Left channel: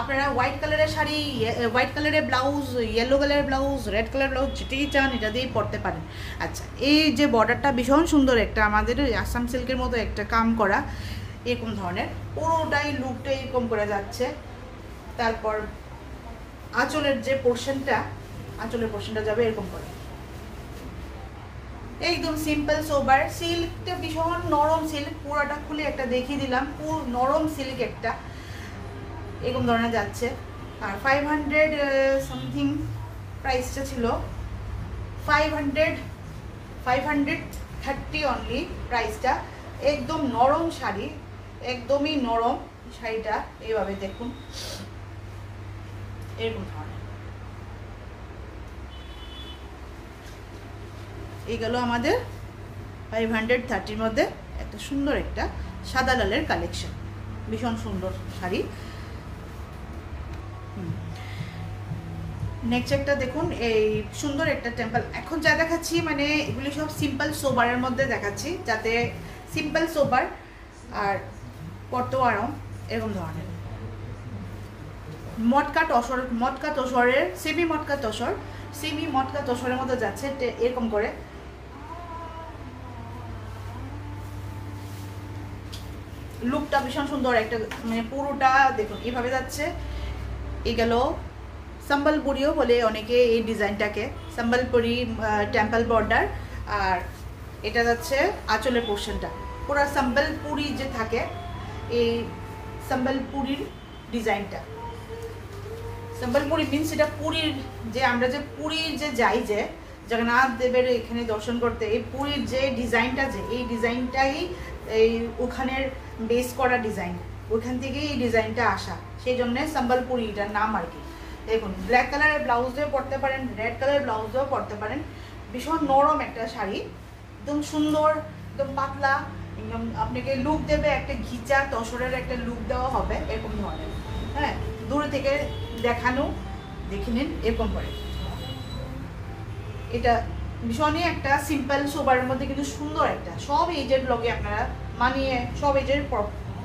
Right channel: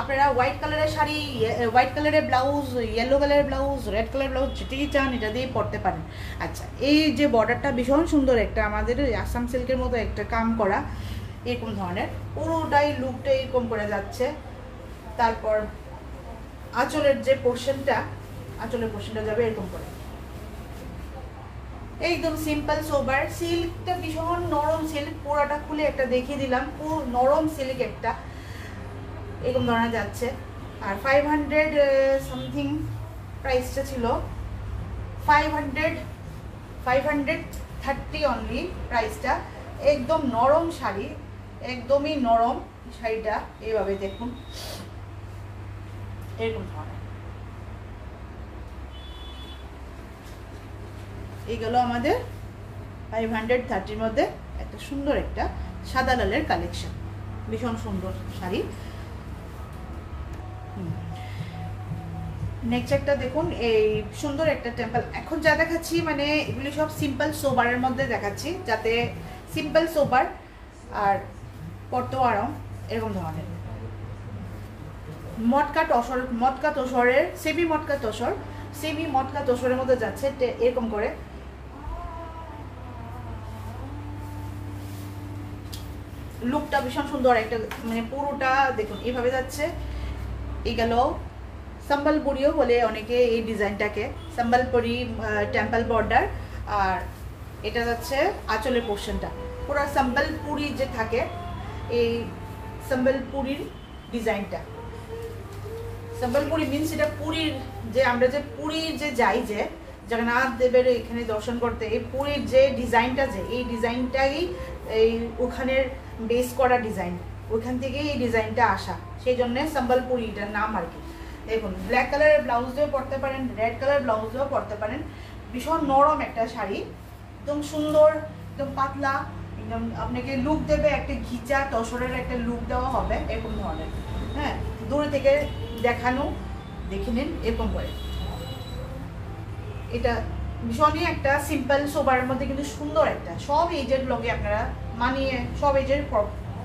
আপনারা হোয়াইট কালারের শাড়ি, হোয়াইট কালারের ব্লাউজ, ইয়েলো কালারের ব্লাউজ, রেড কালার ব্লাউজ যেটাই চান এটা দিয়ে পরতে পারেন। আচ্ছা, এই যে বর্ডারটা ভীষণ সুন্দর, একটা আমাদের আসাম সিল্কের মতো একটা কাম করা এরকম ধরনের, পুরোটাই লুকটা এরকম করে যাচ্ছে। তারপর আঁচলের যে পোর্শনটা, আঁচলের পোর্শনটা যাবে এরকম করে, একদম সিম্পল সোবার। সিল্কটা ভীষণ নরম সিল্ক, পুরাটা খুলে একটা দেখিয়ে দিলাম, পুরো নরম সিল্ক একটা এরকম ধরনের যাচ্ছে। আর 500 সামথিং প্রাইসটা ছিল, 530 অনলি প্রাইসটা। একদম নরম শাড়ি, একদমই নরম শাড়িটা। এইভাবে দেখুন এরকম ধরনের, এগুলো আমাদের 530 মধ্যে এত সুন্দর একটা সাদা লালের কালেকশন, ভীষণ সুন্দর শাড়ি। নেক্সট একটা দেখুন, এই সুন্দর একটা টেম্পল। এখন যা দেখাচ্ছি মানে এগুলি সব সিম্পল সোবারের মধ্যে দেখাচ্ছি, যাতে সিম্পল সোবার আর পরতেও আরাম এরকম ধরনের। মটকা তসরের সেমি মটকা তসরের মধ্যে যাচ্ছে এরকম করে। লুকটা ভীষণ সুন্দর একটা, মানে পুরোটা দেখুন এইভাবে যাচ্ছে। এই গেল সম্বলপুরিও বলে অনেকে এই ডিজাইনটাকে, সম্বলপুরি টেম্পল বর্ডার। আর এটা যাচ্ছে আঁচলের পোর্শনটা, পুরো সম্বলপুরি যে থাকে এই সম্বলপুরির ডিজাইনটা। সম্বলপুরি মিনস এটা পুরীর, যে আমরা যে পুরীর যে যাই, যে জগন্নাথ দেবের এখানে দর্শন করতে, এই পুরীর যে ডিজাইনটা, যে এই ডিজাইনটাই এই ওখানের বেস করা ডিজাইন, ওখান থেকেই এই ডিজাইনটা আসা, সেই জন্য সম্বলপুরি এটার নাম আর কি। দেখুন ব্ল্যাক কালারের ব্লাউজ দিয়েও পরতে পারেন, রেড কালারের ব্লাউজ দিয়েও পরতে পারেন। ভীষণ নরম একটা শাড়ি, একদম সুন্দর, একদম পাতলা, একদম আপনাকে লুক দেবে, একটা ঘিচা তসরের একটা লুক দেওয়া হবে এরকম ধরনের। হ্যাঁ, দূরে থেকে দেখানো, দেখে নিন এরকম করে। এটা ভীষণই একটা সিম্পল সোবারের মধ্যে কিন্তু সুন্দর একটা, সব এজের ব্লগে আপনারা মানিয়ে সব এজের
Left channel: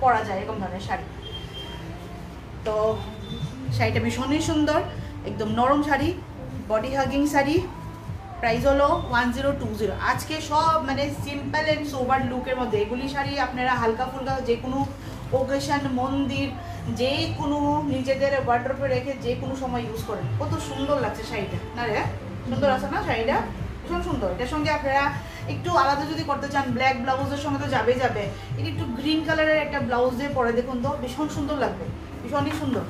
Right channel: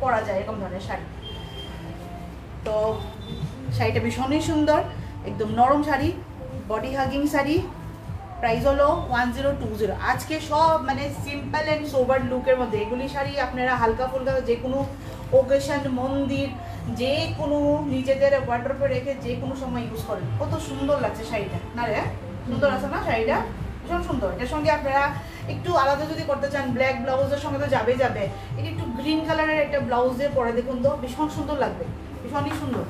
পরা যায় এরকম ধরনের শাড়ি। তো শাড়িটা ভীষণই সুন্দর, একদম নরম sari, body hugging sari. Price হলো 1020। আজকে সব মানে সিম্পল অ্যান্ড সোবার লুকের মধ্যে এগুলি শাড়ি আপনারা হালকা ফুলকা যে কোনো ওকেশন, মন্দির, যে কোনো নিজেদের ওয়ার্ড্রপে রেখে যে কোনো সময় ইউজ করেন। কত সুন্দর লাগছে শাড়িটা, না রে? সুন্দর আছে না শাড়িটা? ভীষণ সুন্দর। এটার সঙ্গে আপনারা একটু আলাদা যদি করতে চান, ব্ল্যাক ব্লাউজের সঙ্গে তো যাবে, একটু গ্রিন কালারের একটা ব্লাউজ দিয়ে পরে দেখুন তো ভীষণ সুন্দর লাগবে, ভীষণই সুন্দর।